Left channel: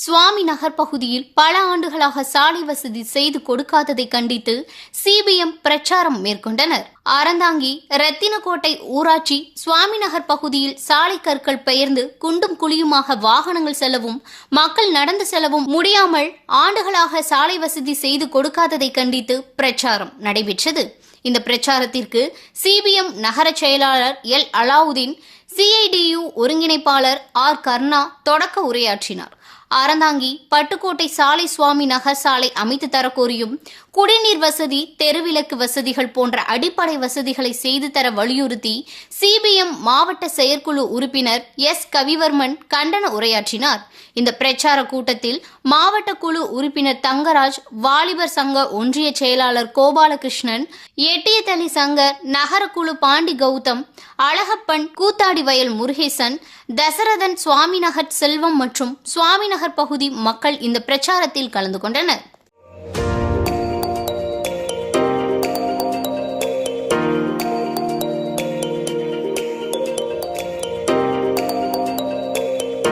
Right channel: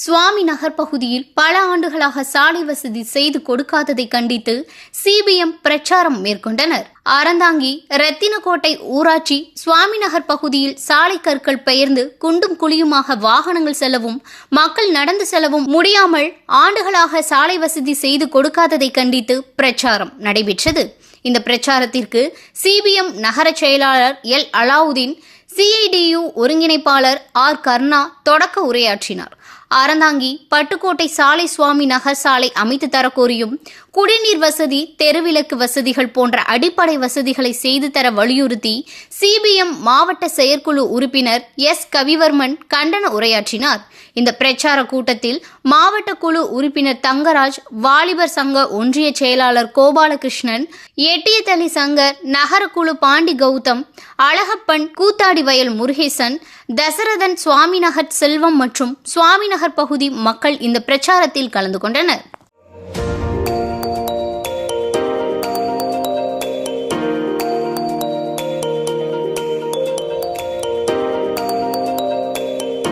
சுவாமி நகர் பகுதியில் பல ஆண்டுகளாக சாலை வசதி செய்து கொடுக்காததை கண்டித்து சிபிஎம் பிரச்சாரம் மேற்கொண்டனர். அறந்தாங்கி ரத்தினக்கோட்டை ஊராட்சி சுவாமி நகர் பகுதியில் சாலை கற்கள் பெயர்ந்து குண்டும் குழியுமாக வாகனங்கள் செல்லவும் மக்கள் நடந்து செல்லவும் முடியாமல் ஆண்டுகளாக சாலை வசதி செய்து கொடுக்காததை கண்டித்து பிரச்சாரம் நடைபெற்றது. இந்த பிரச்சாரத்திற்கு சிபிஎம் நகர செயலாளர் எல் அலாவுதீன், சிஐடியு ஒருங்கிணைப்பாளர் ஆர் கர்ணா தொடக்க உரையாற்றினார். அறந்தாங்கி பட்டுக்கோட்டை சாலை சுவாமி நகர் சாலை அமைத்து தரக்கோரியும் குடிநீர் வசதி, தெருவிளக்கு வசதிகள் போன்ற அடிப்படை வசதிகளை செய்து தர வலியுறுத்தி சிபிஎம் மாவட்ட செயற்குழு உறுப்பினர் எஸ் கவிவர்மன் கண்டன உரையாற்றினார். இந்த பிரச்சார கூட்டத்தில் மாவட்ட குழு உறுப்பினர் தங்கராஜ், வாலிபர் சங்க ஒன்றிய செயலாளர் கோபாலகிருஷ்ணன், எட்டியத்தளி சங்க நகர குழு பாண்டி கௌதம், அழகப்பன், கூத்தாடி வயல் முருகேசன், தசரதன், சுவாமிநகர் செல்வம் மற்றும் சுவாமிநகர் பகுதி மக்கள் இந்த பிரச்சாரத்தில் கலந்து கொண்டனர்.